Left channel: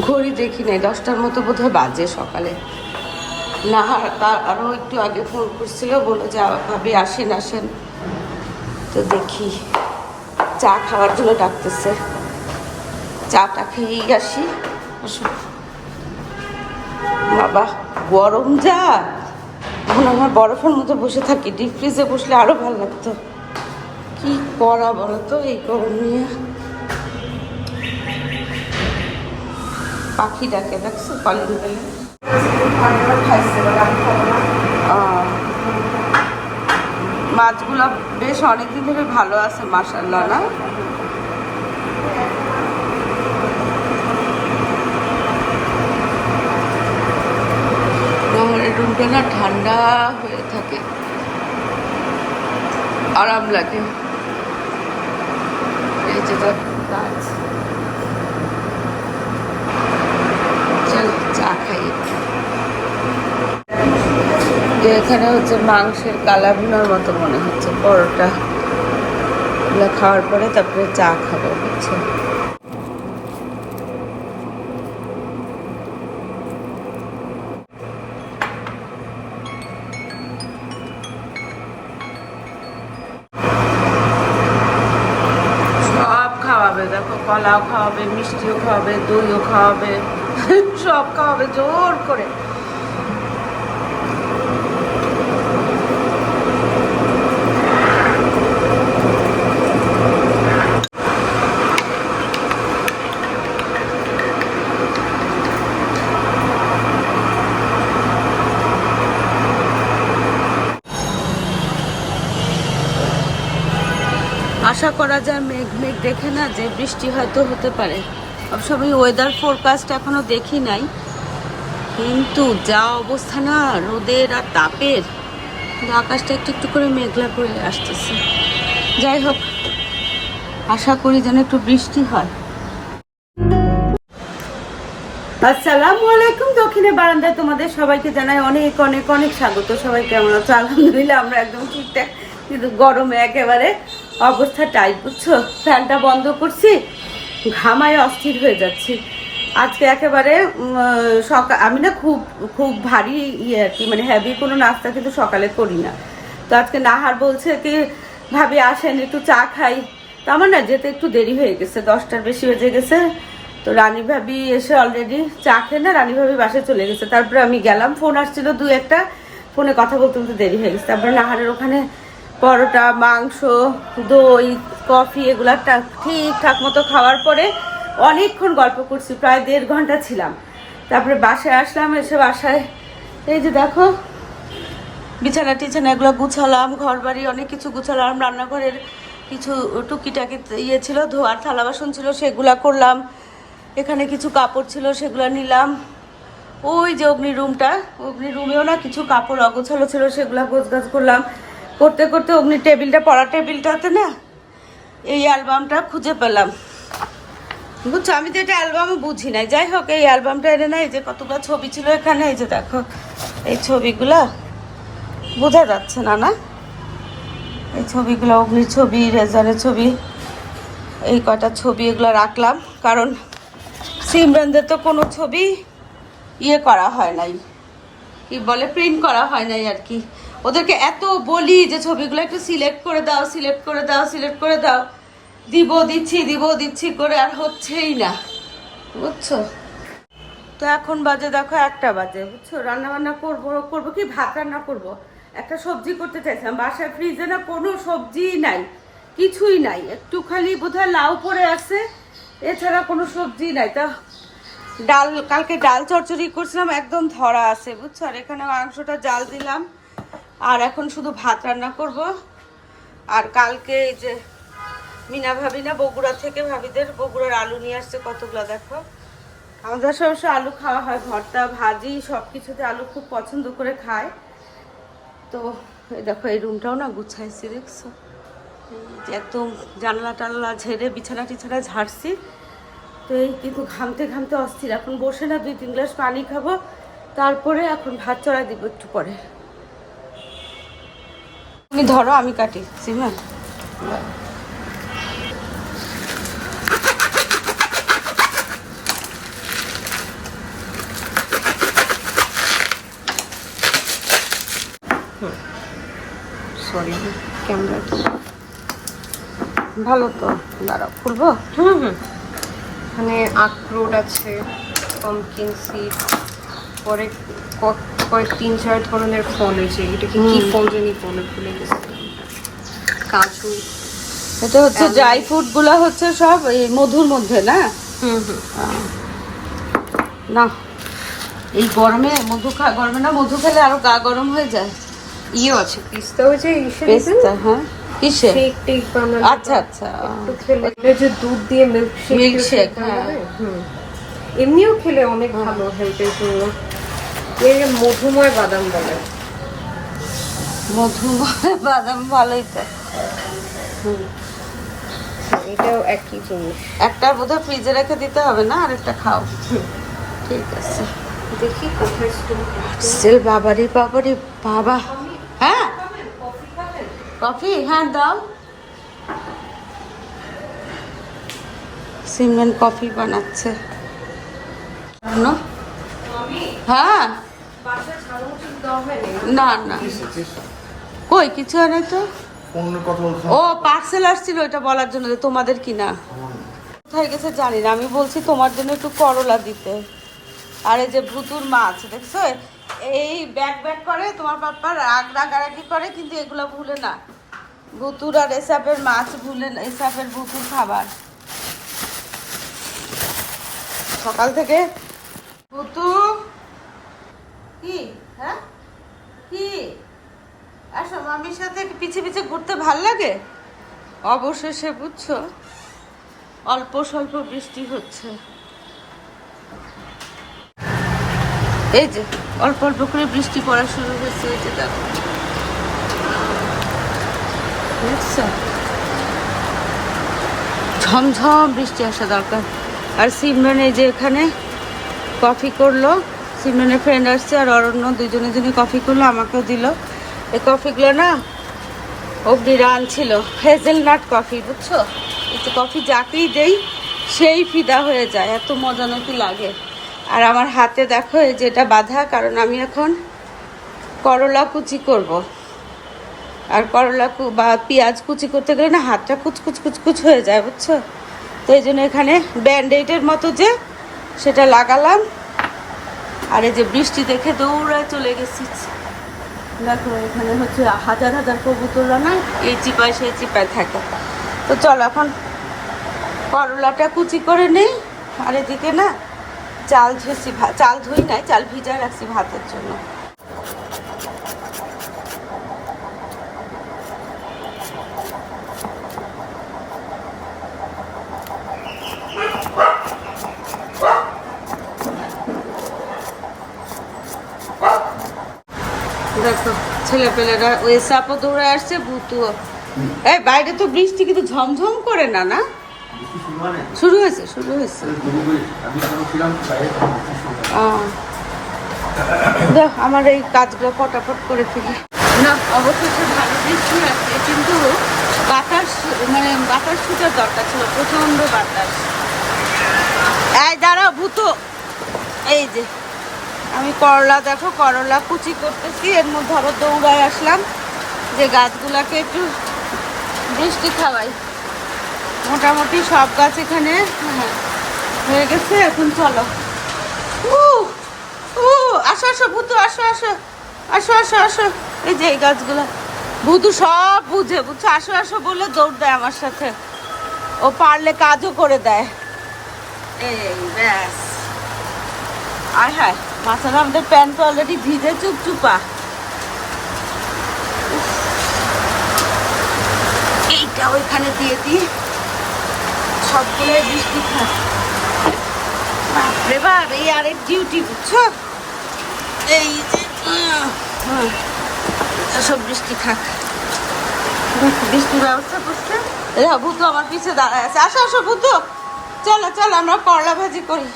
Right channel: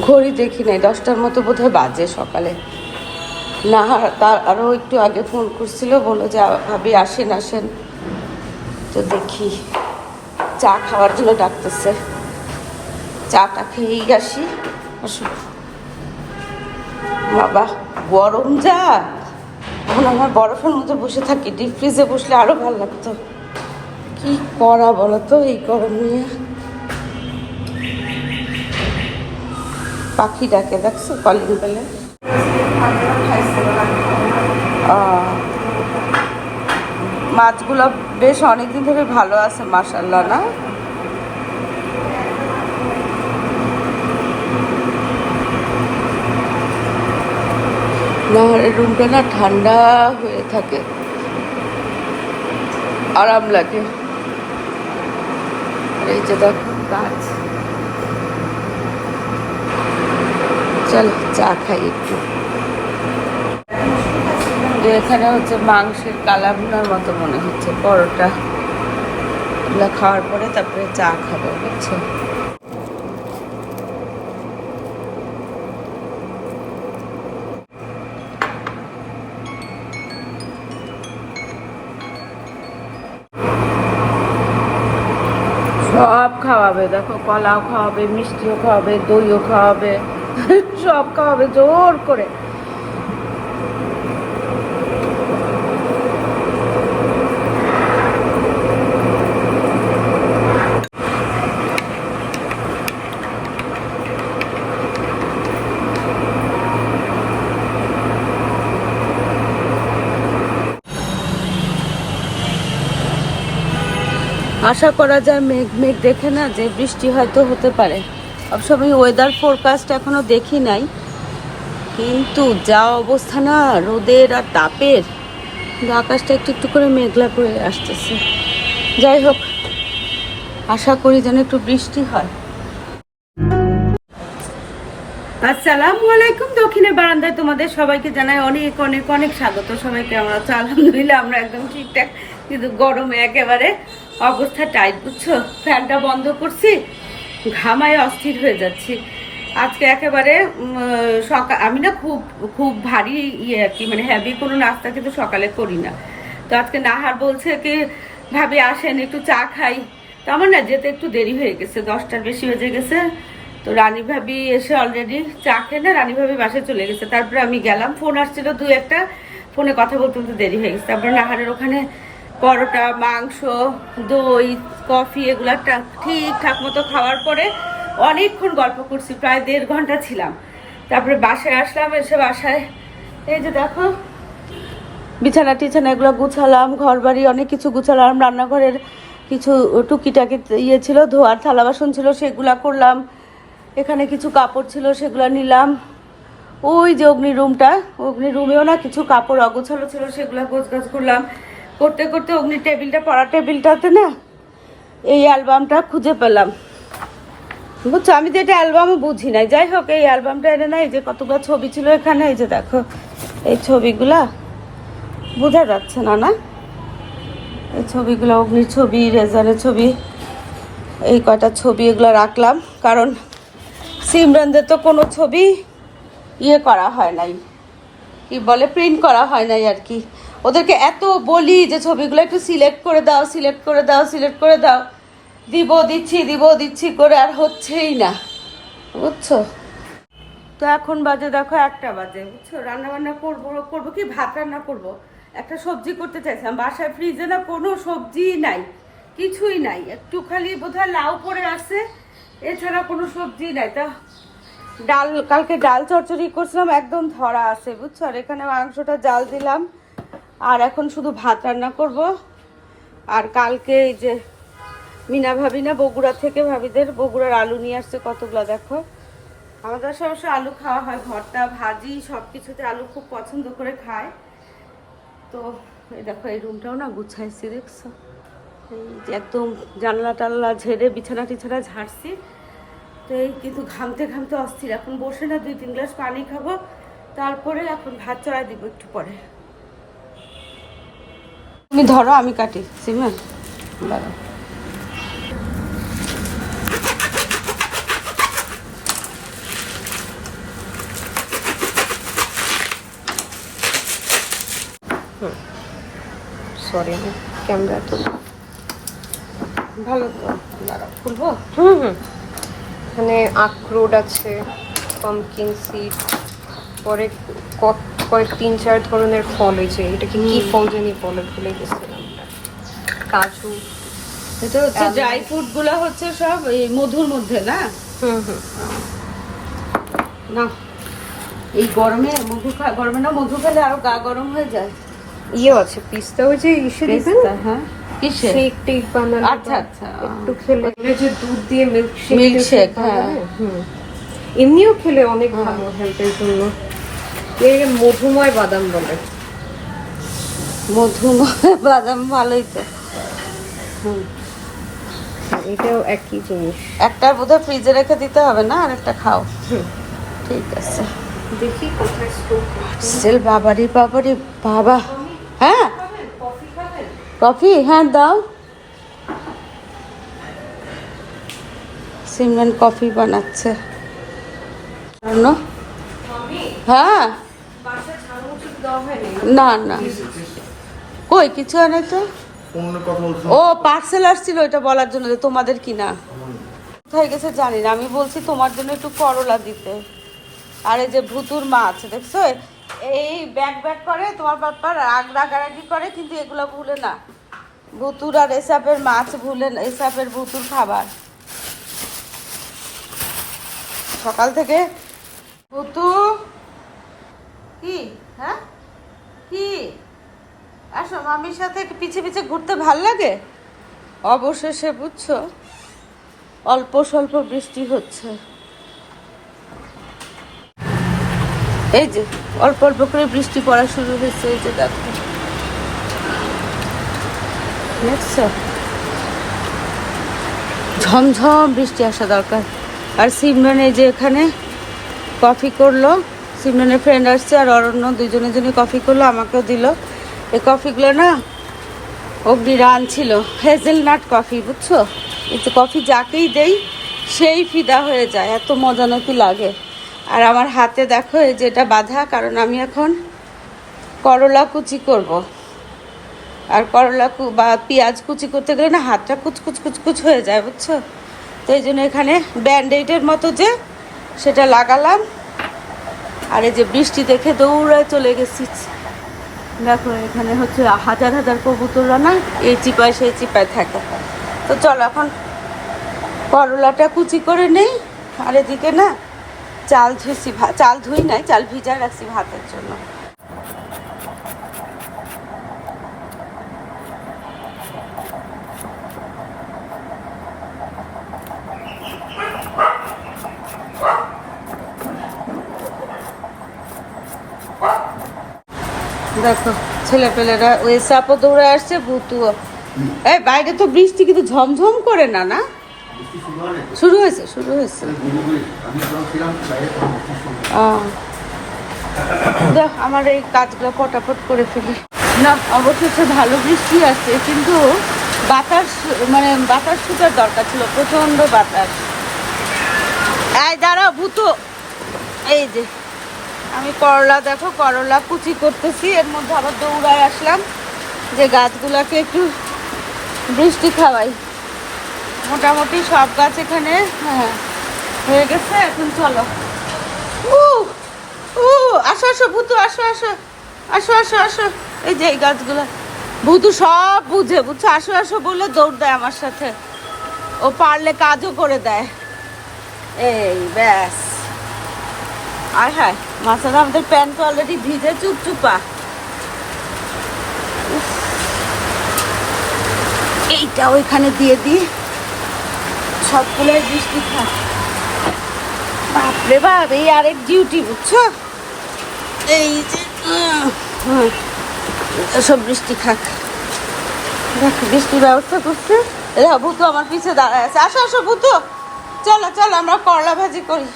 ঘড়ি দেখি নাই, দশটার মতো বোধহয় বাজে সকালে। না তার আরও একটু আগে ফোন করছিল বলো যে ভাবি আসেন আসেন। তো দেখি, চা খাওয়ার জন্য ডাকতেছে। চাটা খেয়েই আসি আসুন। বাবা, গরম যা এখন আমার বরফের মধ্যে বসে থাকি। ডিপ ফ্রিজে বসলে আরও ভালো লাগতো। কি করা বলো তো এই গরম নিয়ে? পাখি ডাকে, দেখছ? কলিং বেলে। মাছগুলো বেশ অনেকদিন ধরে ভালো আছে মাসাল্লাহ না? রুমটা না ঠান্ডা হয়ে থাকে। আরাম লাগে। এই যে গাছ। চলো চা খাই একটু। এখানে হচ্ছে মাংসের কালা ভুনার মতো মনে হচ্ছে, পরোটা। এগুলো খাওয়ার পরে তারপরে চা খাব, বুঝছ? সব খাওয়াবে, দেখো কলাও খাওয়াবে, মিষ্টিও খাওয়াবে, দইও খাওয়াবে। সব খাওয়াবে, জোর করে। আশা করা যায় মেঘ মেঘ দেখে না যে বৃষ্টি হয়তো হতে পারে। সবসময় ওয়েদার ফোরকাস্ট এখনও দেখি নাই কিন্তু যা অবস্থা না রোদের আর তাপের কিন্তু আকাশটা একটু একটু করে মেঘলা করে আসতেছে যাই হোক আশা করি যেন একটু বৃষ্টি হয় আসসালামু আলাইকুম দক্ষিণের বারান্দায় তোমাদের সবাইকে জানাই অনেক অনেক অনেক স্বাগত। সবাই কেমন আছো আলহামদুলিল্লাহ, আমরা একদম ঠিকঠাক কিন্তু গরমে একেবারে অবস্থা টাইট বুঝছ? ফ্যানটা বন্ধ করছি। ঘামায়, অস্থির হয়ে যাচ্ছি। আজকে একেবারে সকাল, আমি না খুব খুব ভারী ইয়ে আর কি মানে হ্যাভি কোনো নাস্তা কিন্তু সকালে করি না। তো আজকে নাহার বলছে কি, ভাবি আসেন, একটু চা খাই। তো আমার না যেতে একটু দেরি হয়ে গেছে, দশটার বেশি বেজে গেছে। তো রানী ভাবি এসে অলরেডি চা খেয়ে না রানী ভাবি বাসায় চলে গেছে। তারপরে আমি গেলাম ফোন আসছিল দু একটা ফোনে কথা বলতে বলতে দেরি হয়ে গেছে। তারপরে নাহারের ওখানে পরোটা, মাংস, দই, কফি এগুলো ঠিকঠাক মতো খাওয়ার পরে অনেকক্ষণ গল্প করছি, প্রায় দেড় ঘণ্টা ছিলাম। তারপরে বাসায় আসলাম, এসে বাসায় এই যে দেখো, বিছানা টিছানা এগুলো গুছালাম ঘর বাড়ি অনেক কিছু গুছালাম, রান্নাঘরের কিছু টুকিটাকি ইয়ে ছিল, ধোয়ার থালা বাসন ছিল, সেগুলা করলাম। এখানে কিছু কাপড় ছিল, সেগুলো নিলাম। ওই যে অগ্নি রুমটা অগ্নি রুমেও না কিছু কাপড় অগোছালো ছিল, সেগুলো গোছগাছ করলাম। করতে করতে অগ্নি টেবিলটা, পড়া টেবিলটাতে না, এই অ্যালবামটা খুঁজে পেলাম। বুঝছ, আমি যেটা অ্যালবামও বুঝি নাই। যাই হোক, এই অ্যালবামটা এনে না, এই যে কতগুলো ছবি ছিল এখানে, এই যে দেখো, এই ছবিগুলা বোঝা যাচ্ছে না না? এই ছবিগুলো, অগ্নির ছবি, রেজারের ছবি, এই কয়টা ছবি এগুলো রাখলাম, কারণ সিমরানদের তো কোনো ছবি ইয়ে করা হয় নাই। কি বলে? প্রিন্ট করা হয় নাই আর কি। ওদেরকে এত বলি যে ছবিগুলো একটু সিলেক্ট করে দাও, সিলেক্ট করে দাও, সিলেক্ট করে দাও। দিব, দিচ্ছি দিব, দিচ্ছি করে আর হচ্ছেই না। বুঝছ? তো এখন বাজে, দেখো একটা বাজে, বুঝছ? রান্না বান্না করব করব কি? ভাত রান্না করব। একটা সবজি করতে চাইছিলাম বাসায় ফ্রিজে না কোনো সবজি নাই, কিছুই নাই। একটু খালি বোধহয় লাউ পড়ে আছে, এছাড়া কোনো সবজি নাই। তো ডাল, কালকে ডাল চচ্চড়ি করছিলাম, একদম ধরা আছে, বুঝছ? আর এখানে মাংসটা জাল দিলাম। আর এখন শুধু ভাত রান্না করব। আর কালকে যে মিনা ভাবি না, বগুড়া থেকে ভাবিদের, বগুড়ার আলু নিয়ে আসছে কতগুলো দেখো। আমাদের সবসময় আলু খাওয়া হয়, ভর্তা, ভাজি সব কিছুতে আলু খুব পছন্দ করে খায়। তো দেখো, এই রুমটাও না গুছাইছি, দেখছ? এই যে একদম জানলা টানলা ঝেড়ে বিছানা টিছানা ঝাড়ছি। তো এই কিন্তু ঘামতে ঘামতে অস্থির। এখন বসে না দুই তিন গ্লাস পানি খাব, তারপরে এখন ভাত চড়াই দিব একটু পরে। তুমি ধরো আমি কাটি। সিমা? ধরো সরি আমি ক্যামেরা তো ভালো তো। দাঁড়াও খুলবো? হুম হুম। এখানে আখরোট আছে পমকিন সিড পরে কত কয়েক তিন চার ধরনের ফল হয়েছে। এটা কি কি ফল জানি বলে ভুলে গেছিলাম। কাজু এটা হচ্ছে ড্রাই ফ্রুটগুলা হচ্ছে সব এই মধুর মধ্যে না? হুম হুম। না। এই গরমে মধু খা গরমে না মধু খেলে আরও গা গরম হয়ে যায়। ইয়েও আছে পিস্তা। ওই যে ইসে পেস্তা হ্যাঁ। কিসে? শেক টেক বানানো। আচ্ছা আচ্ছা। একটু খেলে। যে দুধ দিয়ে মিল্ক শেক হ্যাঁ। এমনিও খেলে অনেক ভালো হেলথের জন্য। এর মধুময় বাদাম বলে। মধু বাদাম ভালোই তো। হুম। এটাও একই জিনিস। একটা বোধহয় ফ্রিজে রেখে দিতে হবে না আর একটা খাও। ঠিক আছে। দেখি সেল বাবারি বাবারি বাবা। হ্যাঁ? কফি হ্যাঁ দাও। সিমেন কফি বানাচ্ছে। শোনো? হ্যাঁ। না না। কই, কিছু আনে তো? ও পার্সেল আসছিল ওইটা বলার জন্য তোমাদের কিনা। কোথায় গেছে জানি না, আমি বলছি তোমার জন্য একটু করলা দিতে। আর যে ভুতুর মাছ, দেখছ? এই ব্যাগ ব্যাগ করে, তোমার পাপ্পা রাগ রাগারাগি করে, কিন্তু এগুলো ভুলে না। ভুতুর আর এসাপের মাছ ভুলে না, এসাপের ভুতুর খাবার। সকাল থেকে ভুতু কি? হ্যাঁ? কি? আসো, মামির সাথে পিছে পিছে ঘুরতে ভালো লাগে? অবশেষে বুঝছ, অল্প স্বল্প বৃষ্টি হচ্ছে। এই যে, অল্প অল্প করে বৃষ্টি পড়া শুরু হয়েছে, এই যে দেখো। ঝমঝম বৃষ্টি আসা দরকার। আর সিমরান এই যে এখানে কফি করল। সিমরানের ফ্রেন্ড আসছে আর অরণ্য দুজনে জনে কফি করল, আমাকেও দিল। এই কফিগুলো না অগ্নিরা আনছিল হেজেলনাট কফি বুঝছ? একটু কফি যাকেই দেই, সেই ফিদা হয়ে যায়। এত মজা নাকি লাগে। আর আমার হাতে দেখো, এই যে এটা বাঁধা, কারণ আমি এখন করলা কুচি করব। আর করলা বা পেঁয়াজ কুচি করতে গেলে না হাতটা কুচকুচ কুচকুচ হয়ে যায়, বুঝছ? তো এই জন্য এখানে ব্যান্ডেডের মতো যে সেটা লাগালাম। আর এই যে বৃষ্টি দেখে দৌড়ায় চলে গেছি। দেখো, এখানে হচ্ছে হাজার হাজার কবুতররা না এই চিপায় সেই চিপায় থাকে। তো চল এখন করলাটা কুচি করে নেই। আর এদিকে না, চাল ধুয়েছি চাল ধুই নাই, চাল ভিজা রাখছি ভাতের জন্য। দেখো ছেলে পেলেরা ওই সাপও দৌড়ে আসছে, ভুতুও। এই, বাইরে তো বৃষ্টি, কিন্তু ঝমঝম করে না না? শুরু হয়েছে শুরু হয়েছে। হয়। দেখ, আমার এই কাজগুলো ফটাফট করে ফেলি। না, অবশেষে ভালো বৃষ্টি আছে কিন্তু বাতাস মানে বাতাস ফুটার দরকার ছিল প্রচণ্ড বাতাস। এই, দাঁড়াও, ভূতো। এই যে। আমি করলা দেখো, করলা কুচি করতেছি, এর মধ্যে আবার দৌড়ায় আসলাম যে গাছগুলাকে একটু বৃষ্টি খাওয়াই। মোটামুটি সব গাছ এখানে হ্যাঁ হয়ে গেছে, এখন চলো। আসো আসো, ভূতু, আসো আসো আসো আসো আসো। এই যে এই গাছগুলা। ভূতু সব বুঝে, বুঝছ? আসো আসো বলে দৌড় দেয় আমার সাথে। ও পারলে কাজও করে দেয়। এই ব্যাস। আয়, হায়। মাথাটা আমাদের প্যান্ট অলরেডি ভিজে চুপচুপা। এইটা ওইখানে দিয়ে দিই। সবগুলোই বৃষ্টি খায় বাপরে বাপ এই আরেক ডিউটি বুঝছ? এই যে হুম, সব বৃষ্টি দেখো বৃষ্টির ব্যবস্থা করছি। ভূতু আমার পিছে দাঁড়ায় আছে। আসো আসো ভূতু চলো চলো আমরা করলা ভাজি করি।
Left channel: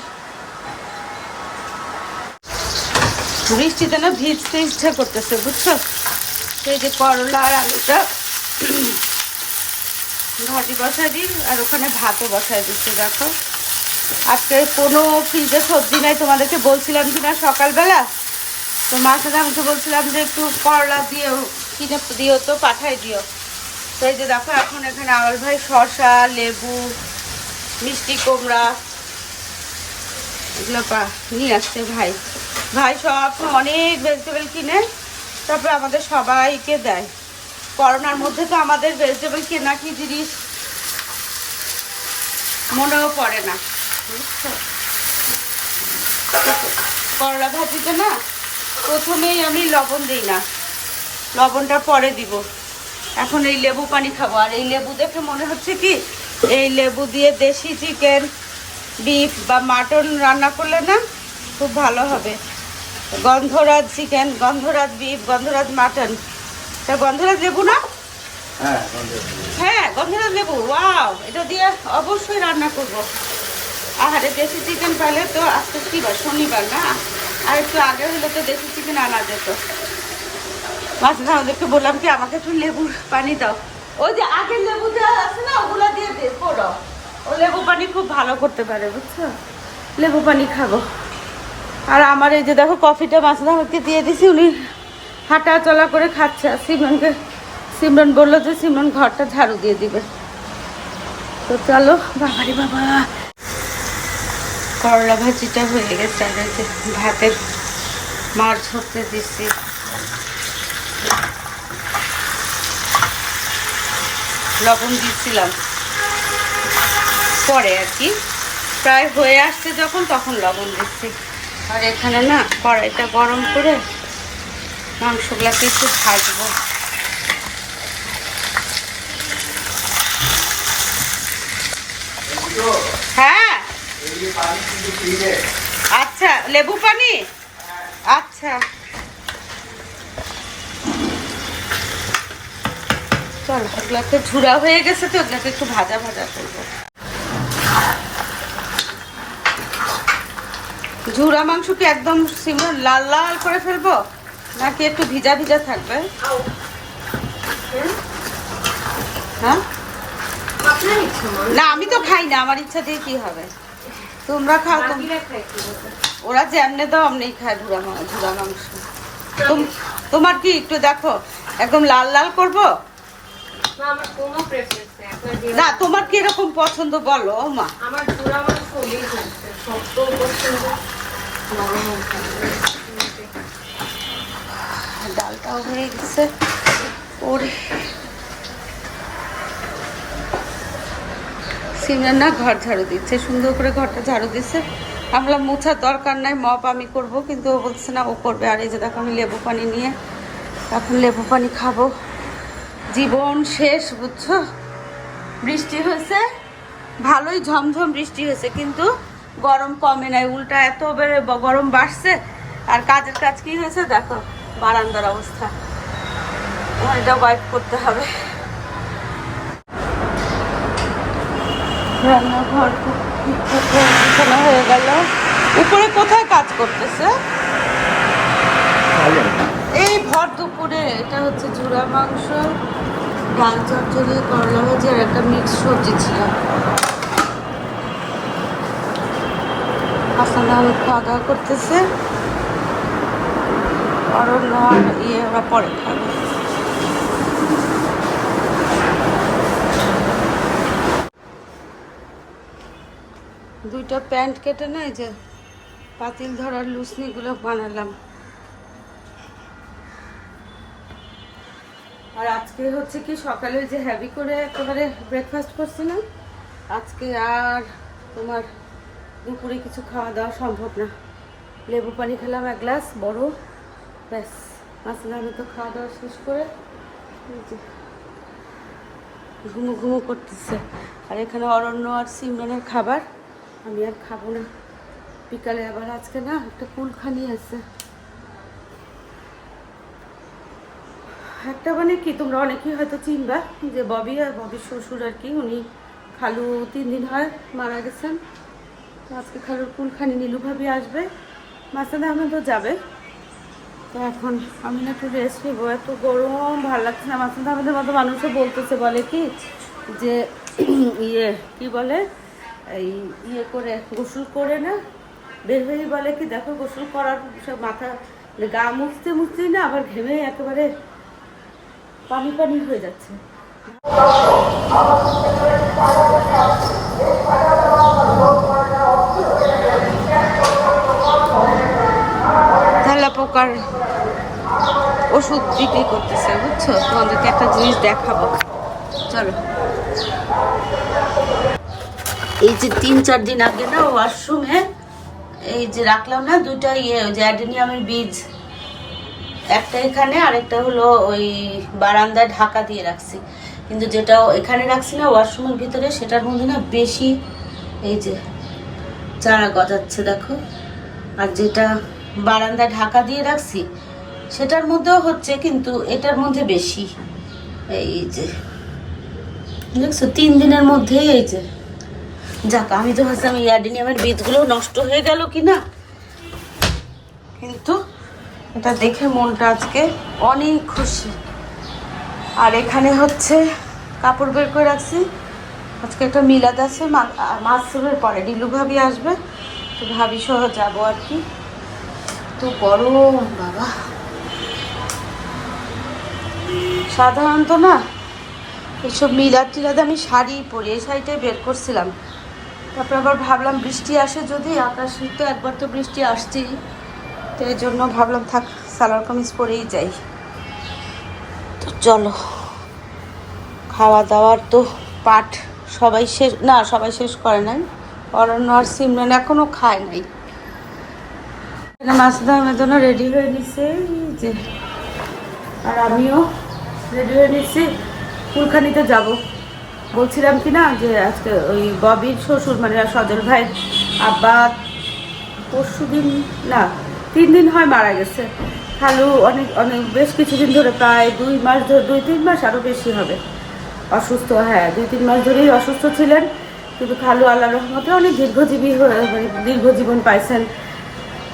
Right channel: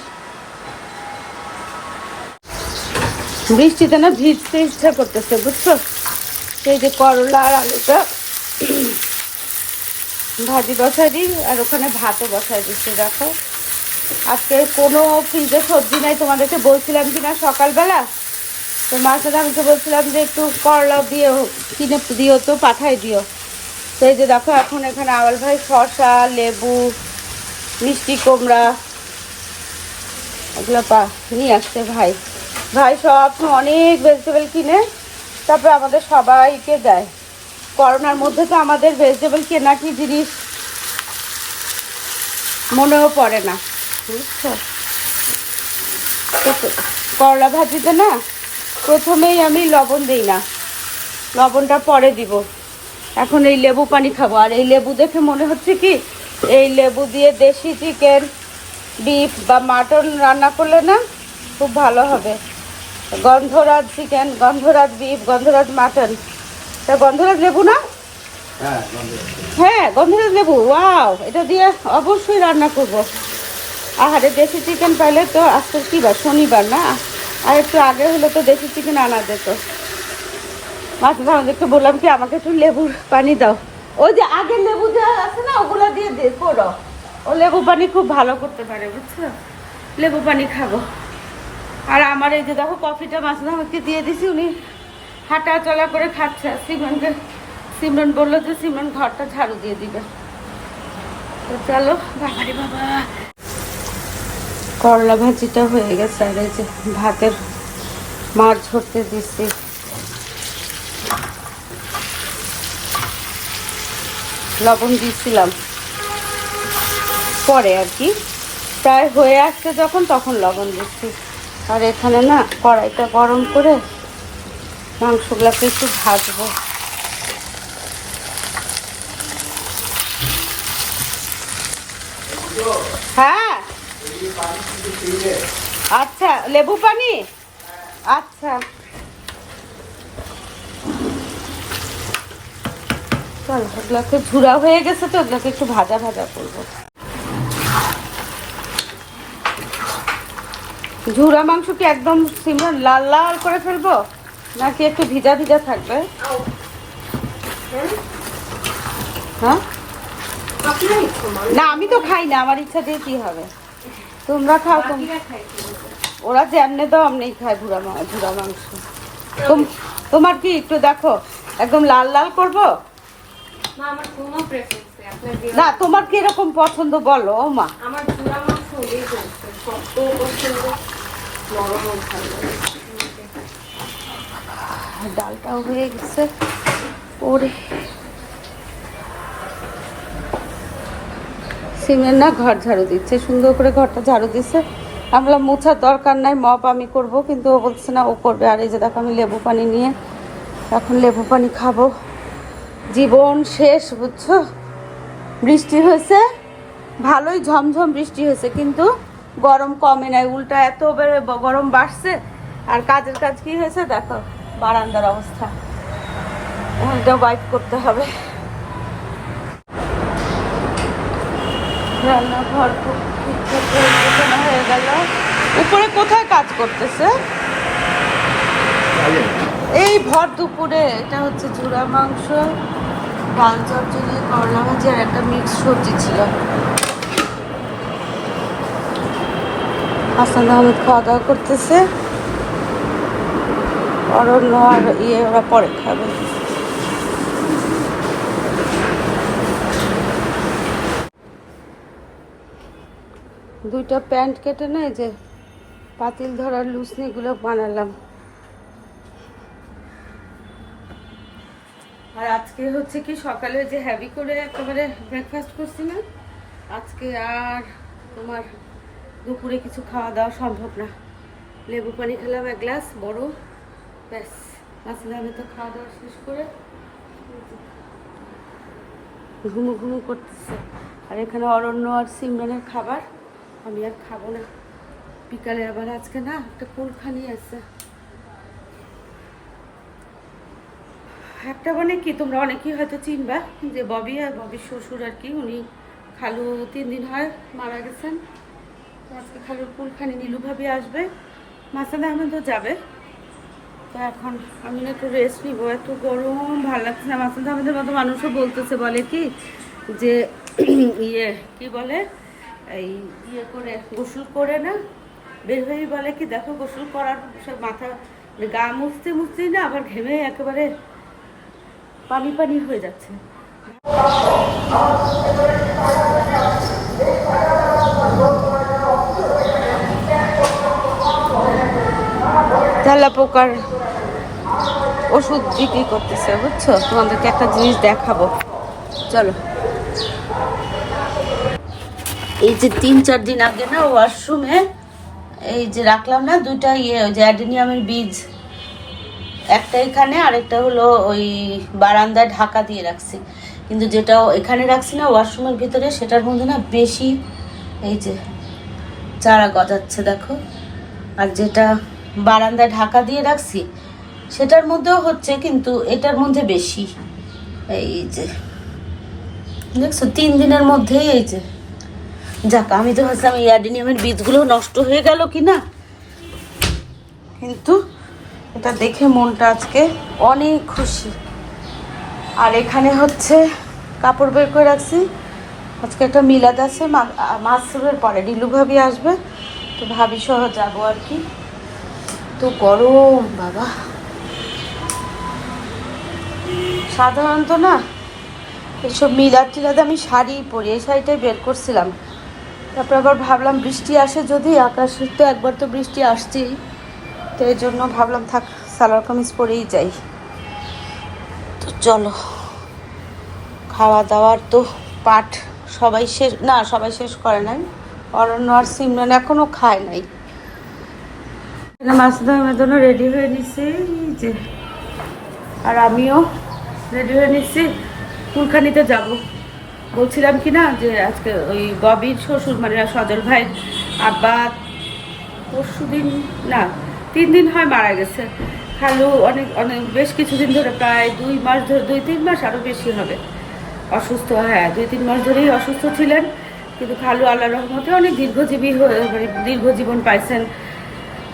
বৃষ্টিতে না ভিজতে ইচ্ছা করতেছে, বুঝছ? সেই যে করলা আর আলুটা ভাজি বসাই দিই, আর ওখানে ভাতও বসাই দিচ্ছি, দেখো। আজকে কোনো ফ্রিজে সবজি নাই, তোমাদেরকে বলছিলাম কি না সকালবেলা? তো মাছের আমাকে বলছিলাম যে একটু করলা দিও, কিনে দিও তো, পাঠাই দিও। তো এই যে দেখো, এখন এখানে আওয়াল ভাই শসা, লেবু, মিষ্টি কুমড়া, এগুলো পা নিয়ে আসছে ভাই। ভাই সব অনেক ভেজিটেবল কিনে, তারপরে আমাদের সবাইকে দেয়। করোনার মধ্যে তো আমাদের ভেজিটেবল কেনা কি জিনিস মনেও পড়ে না। করলা ভাজিতে না প্রথমেই আমি লবণ দিই না। লবণটা পরে দিব। এখন এই লেবু পানি খাব। আর এই লেবু দেখে মনে হচ্ছে কি, এই লেবু দিয়ে দেশি চিকেন ডিপ বা মাটন রান্না করলে না খুব ভালো হবে। গন্ধরাজ চিকেন গন্ধরাজ বিফ গন্ধরাজ মাটন। তা গন্ধরাজ লেবু না? হ্যাঁ হ্যাঁ গন্ধরাজ লেবু ওয়াও এটা দিয়ে অবশ্যই রান্না করব। আহারে দেশি চিকেন তাহলে তো আজকে কি বার শনিবার না? আর একটু আগে হলে তো দেশি চিকেন আনা যেত। মাঝে আমাদেরকে বললাম কি আমাকে একটু লেবুর পানি দাও। ওই যে আগের লেবু দেওয়া আছে না ওগুলো দিয়ে দে করো। ও লেবু পানি খুব ভালো করতে পারে বুঝছ? লেবু পানি খাব। আর আমার এই যে দেখো কফিটা মাছলা আমাকে দিয়ে দিছি উনি হাঁটা চলা করে খাচ্ছে। আর সিমরনকে সিমরন বলল যে সিমরন ঘরটা ঝাড়ু দিয়ে দিবে। তো চলো, বাবারে বাবা। করলা ভাজিটা হয়ে গেছে, আর যে ভাতের মাছ ধরতে দিচ্ছি। লবণ দিয়েছিলাম। পরে আর কি। প্রায় হয়ে আসছে যখন, তখন লবণ দিচ্ছি। আর এখানে না কড়াইটা গরম করে মাংসগুলোকে একটু ভাজবো। হ্যাঁ? আচ্ছা লেবু পানি? আচ্ছা। চল এগুলো একটু ঝুড়া হয়ে গেছে তো এগুলোকে একটু ভাজা ভাজা করব। ঝুড়া মাংস কি একদম সিমরন লাল লাল করে ফেলব? নাকি একটু ভিজা ভিজা থাকবে? হ্যাঁ। না আমি তো খাই না আমার ইচ্ছা দিয়ে কি হবে? তোমরা খাও তোম ওরা যেমনে দাও অমনি খায় ভুড়া ভুড়া মাংস। তোম- তোমার কি একটু দেখো একদম লাল লাল করব? না, তোমার কি এরকম পছন্দ বলো মা আমার চূড়া মাংস ডালটাও হয়ে গেছে। ওরে। সিমরান না ঘর ঝাড়ু দিচ্ছে, সুন্দর করে ঘরটা ঝাড়ু দিচ্ছে। আমরা মোছার দরকার নাই, মপ আমি করব। কিন্তু ও বলছে, না, ও করবে। আর এই যে দেখো, আমি লেবু পানি নিয়ে এখন লেবু পানি খাব। জীবন শেষ, বুঝছ? বৃষ্টি হয়েছে। ভালোই ঝমঝম বৃষ্টি হয়েছে, কিন্তু গরম কমে নাই, উল্টা এত বেড়ে গরম বাড়ছে। আর কাজের কাজ কি হয়েছে দেখো, বারান্দার অবস্থা। এটা ওয়াইপ করতে হবে। রান্নাঘর খুব হয়ে গেল। উপরে কোথায় কাজ করতেছে? এই ভর দুপুরে, এটা হচ্ছে ঝুরা মাংস, ডাল চচ্চড়ি, করলা ভাজি একটা মিক্স সবজি ছিল। হাসান আহমেদ খাওয়া দাওয়া করতেছে। অরণ্য আর ইয়ে ওরা পরে খাবে। দুইটা প্যান্ট কেটে নেয় যে পাতিল ধরার লুসনিগুলো বানালাম। আর আজকে হচ্ছে কি, সকালে যে হ্যাভি করে একেবারে ব্রেকফাস্ট করছি না, আজকে আর তোমার দুপুরে কিছু খাওয়া দাওয়া সম্ভব না। লেবু পানি খেলাম এক গ্লাস, বড়। ব্যাস মাসলে আমি তো খাওয়া দাওয়া শেষ করে ঘুমো ঘুমো করতেছে। আর এখানে অরণ্য আর সিমরানের খাবার। আমি আর খাব না। বিকালে আবার আজকে না একটা কুলখানি আছে। একটা মানে কি, তোমরা অনেকেই হয়তো চিনবা যে ববি আর ববির শ্বশুর আর কি, উনি খালু তিন দিন হয় মারা গেছেন। আজকে খালুর কুলখানি নীলু ভাবি আসবে মাসাদ আহমেদও যাবে। তো এখন আমি একটু রেস্ট নিবো, এত গরম, ভালো লাগছে না। মাসাদ আহমেদের মতো মানুষও বলতেছে, বলে কি যে ইয়ে কি বলে, এই ইয়ে করে, গোসল করে না, বের হয়ে বলে কি, দেখো গোসল করার সব মাথা মানে গা মুছতে মুছতেই না আবার ঘেমে একেবারে পানি পানি হয়ে যাচ্ছে। তেলা পোকার ওষুধ বিক্রি করতেছে, বুঝছ? তোমাদেরকে একটা জিনিস দেখাবো। চলো। এই যে তিন, চার দিন আগে না ওয়াশরুমে এই যে রাখলাম না, দুইটা ইয়ে ওই যে অ্যাডেনিয়ামের বীজ। একটা এখানে, আরেকটা হলো ওই বারান্দায় ঢাকা দিয়ে রাখছি। কিন্তু যেটা এখানে রাখছি না, ওয়াশরুমের ভিতরে, সেটার মধ্যে না বেশি এই যে চারা গজাচ্ছে, দেখো। আর যেটা বারান্দায় ঢাকা দিয়ে রাখছি। সেটার মধ্যেও হচ্ছে, কিন্তু এটার মধ্যে বেশি। এই যে, দেখছ, তিন দিনের মধ্যে এই যে। যাক, আমি তো ভাবছিলাম এই অ্যাডেনিয়ামের বীজগুলো নষ্ট হয়ে গেল কি না কিন্তু এটা দেখে মনটা আজকে অনেক খুশি। আর এখানে হচ্ছে কাপড় বের করে রাখছি। আজকে একটা মিলাদ আছে মাসুরের পরে। ডিলু ভাবি আসবে, তো ভাবি সহ যাব আর কি। তো গরম, বাবা। সাধারণত না, এইসব মিলাদ টিলাদ আমি শাড়ি পরি, এই শাড়িটাই বের করছিলাম। তারপর আবার ভাবলাম বৃষ্টি আসে যদি, আকাশে তো একবার তো বৃষ্টি আসছেই। তো এই জন্য ভাবলাম থাক, সালোয়ার কামিজ পরেই যাই। তো চলো খাওয়া দাওয়ার তো পাট সবাই শেষ, না, সবাই শেষ করে নাই। অরণ্য আর সিমরান এখনও খায় নাই। মাসুদ আহমেদ জন্য রেডি হয়ে নিছে যে। আর আমিও রেডি হয়ে নিচ্ছি ফুলখানিতে যাব। বলছিলাম কি না, যে আজকে ওই ববির শ্বশুর মানে সজল ভাই আব্বা পরশু দিন, না, তিন দিন হয় মারা গেছে। খালু অনেক অনেক, বেশ কিছুদিন ধরে প্রায় দুই মাস ধরে, দুই তিন মাস আরও বেশি হবে। অসুস্থ হ্যাঁ দুই তিন মাস ধরেই অসুস্থ ছিলেন। কিন্তু খালু আল্লাহ রহমতে অনেক দীর্ঘজীবী হয়ে মানে দীর্ঘ জীবন পাইছেন।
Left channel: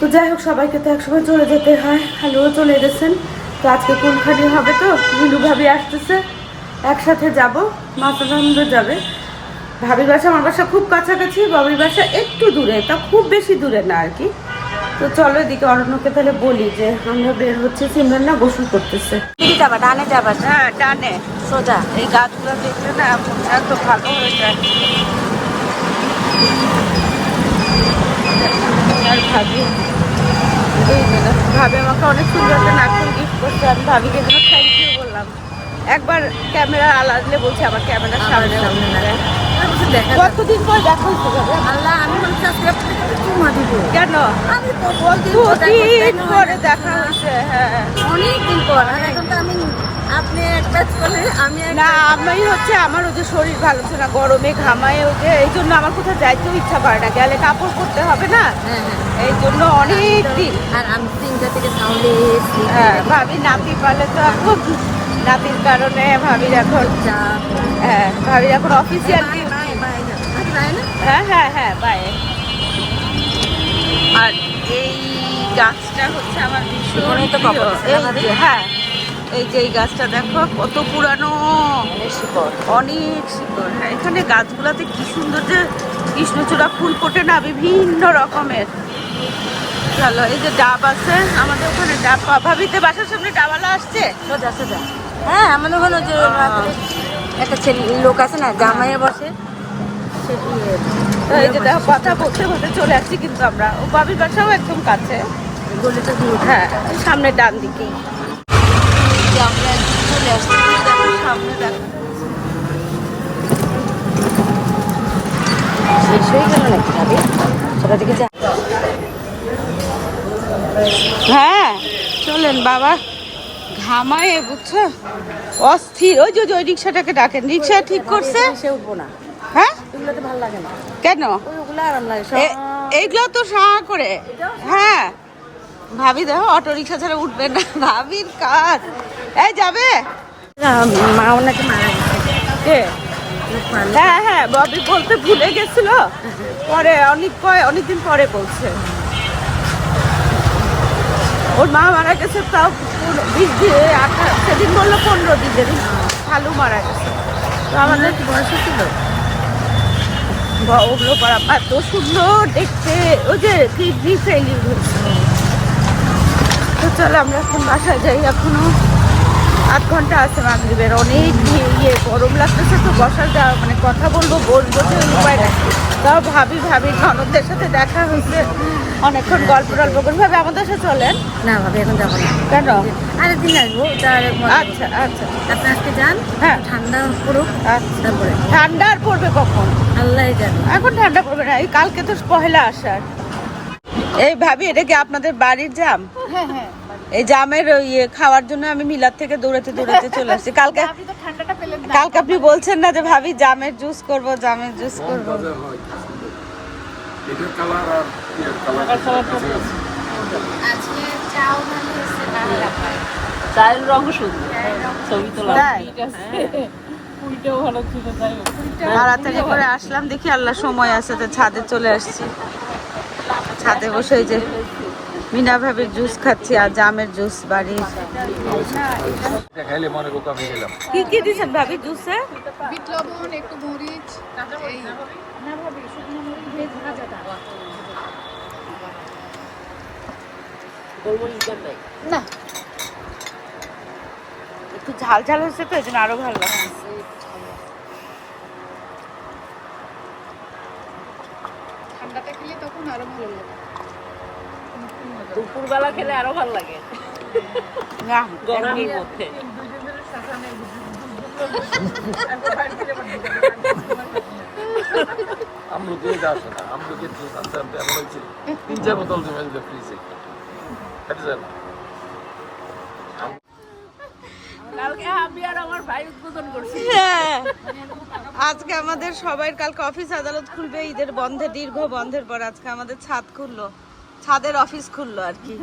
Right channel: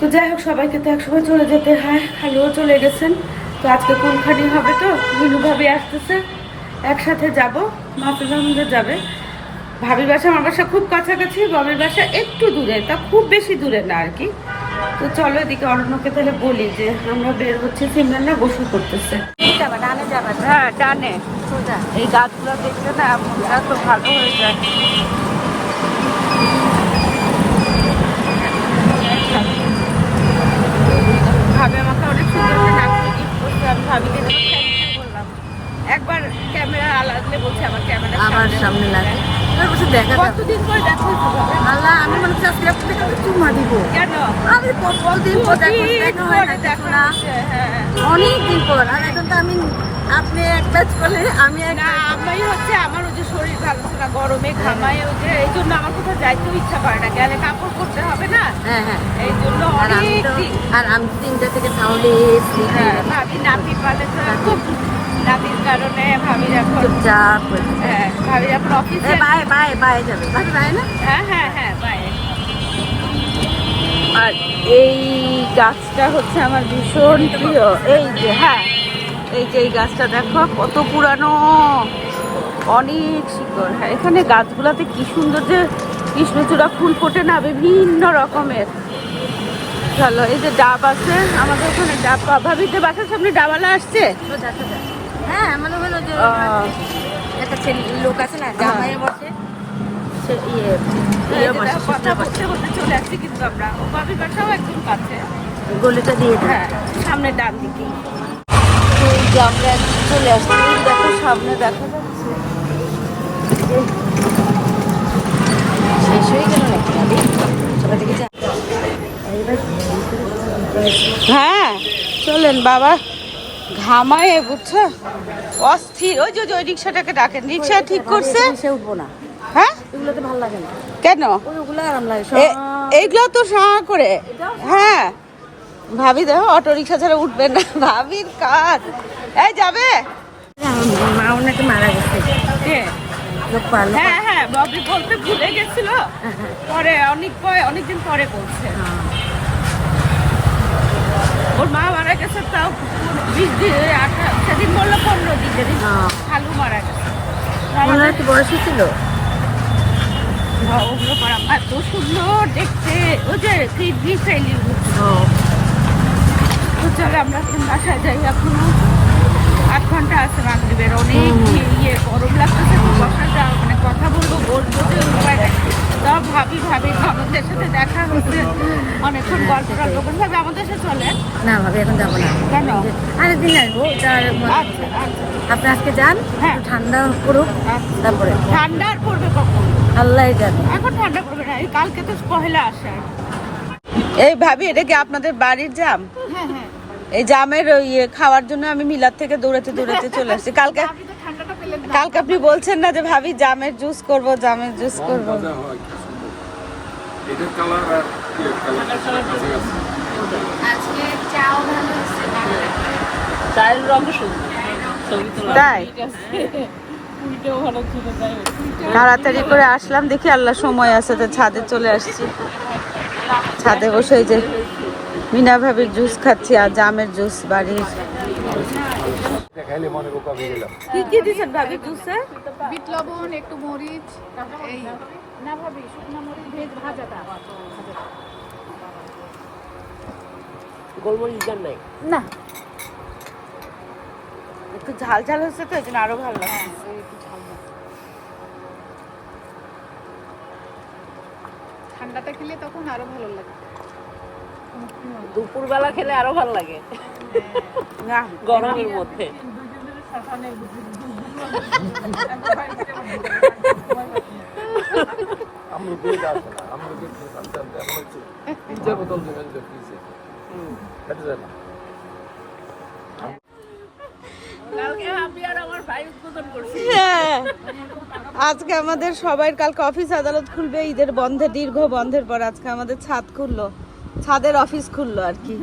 তো যাই হোক সবাইকে তো একসময় চলে যেতে হয়। খালুও চলে গেছেন। তো আজকে কোনখানি হবে তো? নীলু ভাবি আসতেছে। একসাথে যাব। মাতানন্দ যাবে। ভাবির বাসা আমার বাসা খুব কাছাকাছি। বাবির বাসা একটু দূরে তা খুব বেশি দূরে না আর কি। তো চলো এদিকে অরণ্যকে তাহলে বলি যে আমরা বের হচ্ছে সিমরান না গোসল করতেছে। যাবা ডানে যাবা। হ্যাঁ ডানে। সোজা। এই গাছগুলো দেখলে না মনটা তো ভালো হয়ে যায় ভাবি আমাকে অনেক সুন্দর একটা নাচুর গিফট করছে আমি ভাবি যে বললাম। একবার ক্যামেরা আলাদলে বলছে আমার ক্যামেরা আমার সামনে না তারপর দেখা কতদিন পর দেখো আল্লাহ আমি মনে আজকে আপনাকে চুমা দিব। কেন? আমি বলদিন পর দেখা দেখা হয় না পরে না। হ্যাঁ। অনেক দিন পর আর এখন তো আমি আপনি এক ব্যাচ করলে আমি না আমি হচ্ছে আমার ওই যে শরীর ভালো ছিল না গরমে ঘামায় ওই যে এই জন্য আমার কোথাও যাইতেও ইচ্ছা করে না। গেলে কাপড় পরতে হবে না? হ্যাঁ হ্যাঁ। এই জন্য অনেক আর আমি তিনটা থেকে তাহলে হ্যাঁ, ভাবি নাতি পালে তো এখন নাতির কারণে ভাবি এখন চুপচাপ হ্যাঁ ভাবি এখন অফিসে বাই বাই বাই যাবে। বাই না? হ্যাঁ হ্যাঁ হ্যাঁ বাই। আর এই গাছটা হচ্ছে আমার ভীষণ প্রিয়। এই যে হ্যাঁ এই যে এই গাছটা দেখো কত পুরানো। অনেক সুন্দর। হ্যাঁ এখানে গাছগুলোতে কি সুন্দর যে কৃষ্ণচূড়া ফুল ফোটে না বিভিন্ন রকমের। চলো এই যে ডাব আছে আমাদের ওখানে ডাব ভাবিতে বাসার সামনে ডাবালা আসছে। সোজা সোজা হ্যাঁ যে একটা ছেলে লোক আছে না জামাইয়ে বসে। সে ইয়ে ইয়ে কথা। বলতে বলতে চলে আসছি কিন্তু আমরা। ও বাসাও একদম কাছে। গলিটা দিয়ে হ্যাঁ সামনে ডান দিকেই। যে আমরা একদম চলে আসছি এই দেখো সামনে দেখো। শেষ হয়ে গেল নাকি? সেটা থেকে হ্যাঁ চলেন বাবা। ঘামায় বুঝছ অস্থির। ওই যে ওই রিক্সাটাকে ডাকেন। রিক্সা ঠিক করছে? সে উঠবো না হ্যাঁ? কেন? এইগুলো তো সাহা করে। হ্যাঁ। ভাবি দেখো অটো রিক্সা ছাড়া উঠবে না। ভাবির কাজ। এই যাবে? মা ওনাকে মারা গেছে। হ্যাঁ হ্যাঁ ববি বলতে ভুলে গেছিল। পরে অনেক কয় অনেকদিন পরে বলছে। ওর মা মারা গেছে তাও দিন আঠারো- সেদিন বলল পনেরো দিনের ভালো মারা গেছে। তো আমাদের কি বয়স ছিল ওগুলো করা এত সুন্দর দেখতে ওই যে কিডনি ফেলিং তো চলো আমরা এখন বাসায় যাই এখনও আট ঘণ্টা আছে মাগরিবের। অনেক ইয়ে গরম লাগতেছে তো বসার যা মানে কথা বলব বলব যে উপায় নাই। তাও ভাবি ভাবি ননদদের সাথে দেখা হয়েছে। অনেকক্ষণ গল্প টল্প করে ভাবে আমাদের সাথে চলেন। না ভাবি এখন যাব না। কেন? আরেকদিন আসব আচ্ছা আচ্ছা। আপনি আজকে যান হ্যাঁ। ঠান্ডা পড়ুক আচ্ছা। তারপরে। ঠান্ডা আর পড়বে কখন? আল্লাহ জানে। এখন ঠান্ডা পড়বে না এই কালকে তো পহেলা আসার এই ভাবি এটা কি আপনাদের বাড়ির জাম? এই জামের ওই ইয়ে খাওয়ার জন্য আমি মিলার থেকে দৌড়াতে দৌড়াতে চলে আসছি। কালকে কালকে আপনি বলছেন না যে ভাবি জামের জুস করব জামের জুস করব। এটার কালার আর ইয়ে কালার কাছাকাছি। তাই? তাড়াতাড়ি করে আসলাম দেখি আল্লাহ সময় আছে তো ছাদে চলে আসছি। ছাদে বসে যে মিনা ভাবির জুস খাচ্ছি আর জামের জুস বাড়ির। মনে কি কি দিচ্ছেন ভাবি জুসে? বিট লবণ একটু মরিচ না। একটু ঝাল ঝাল হচ্ছে তো এই জন্য আরও ভালো লাগছে। ঠান্ডাটা খেলে তখন আরও ভালো লাগে। না এমনি আমি দিয়ে দাস আমি ওকে জানতাম আমি বলছি তিন চার বোতল জমে যান হ্যাঁ। আজকে আমাদের সবাই কালকে অফিস আদালত খুলবে ঈদের বন্ধে দীর্ঘ বন্ধের পর আজকে আমাদের ছাদ খুললো। ছাদের অফিস খুললো আর কি।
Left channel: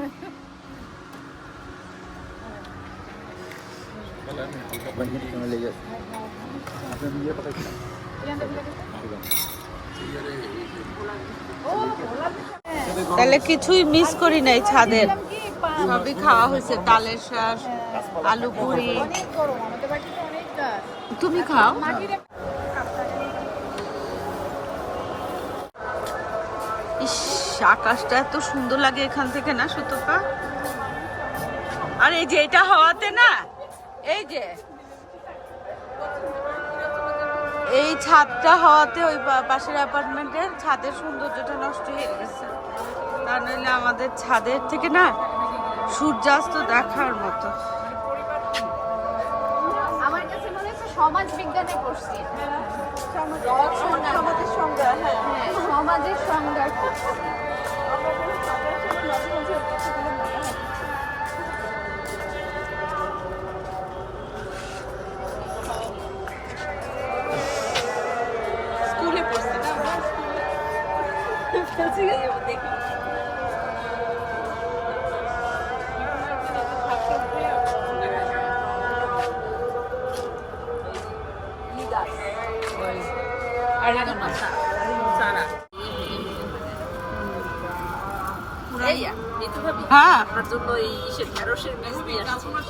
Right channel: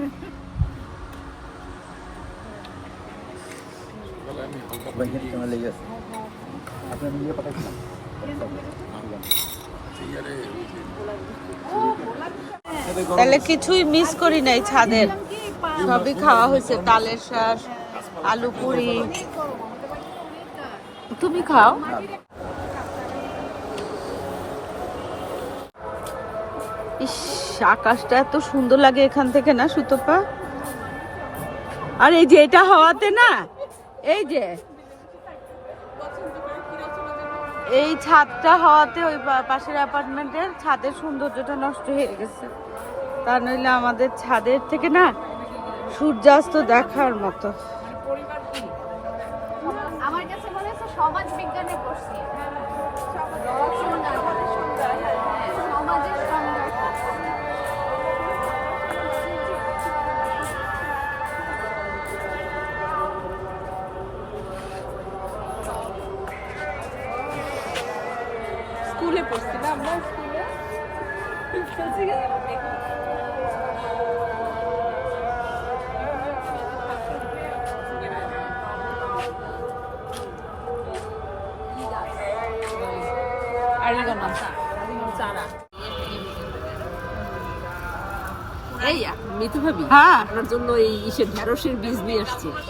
তাহলে কিছুই মিস করি নাই ছাদের। সবই খাওয়া হয়েছে ডালের শাক, আলু পুরি। তুমি খাও। ইস, আকাশটা এত সুন্দর লাগে এখান থেকে না, সুতপা? আর এই যে এটা হওয়াতে না, এই যে। এই ছাদটা হওয়াতে ওই পাশের অ্যাপার্টমেন্টের ছাদের সৌন্দর্যটা নষ্ট হয়ে গেছে। তা নইলে আমাদের ছাদের থেকে না সূর্যাস্ত দেখার মতো আমার কাছে মনে হচ্ছে সমাজ বিজ্ঞানে পড়ছি হ্যাঁ, সমাজের সংজ্ঞা পড়ছি। হ্যাঁ আপনার জন্য এই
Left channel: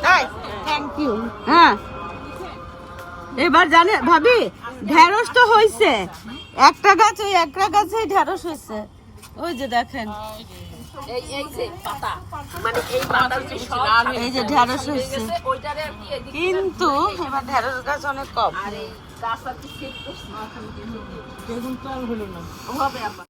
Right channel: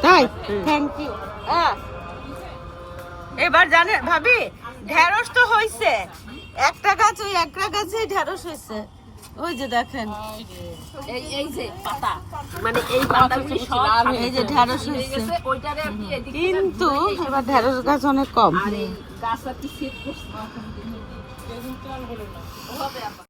তাই? থ্যাংক ইউ হ্যাঁ। এবার জানে ভাবি ঢেঁড়স তো হয়েছে একটা গাছ ওই একটা গাছে ঢেঁড়স হয়েছে ওই যে দেখেন। এই এই যে পাতা মানে যে ঢেঁড়স হয়েছে কিন্তু এবার ঢেঁড়স গাছ অনেক কম। আর কি সেট করছি। ওভাবে আবার।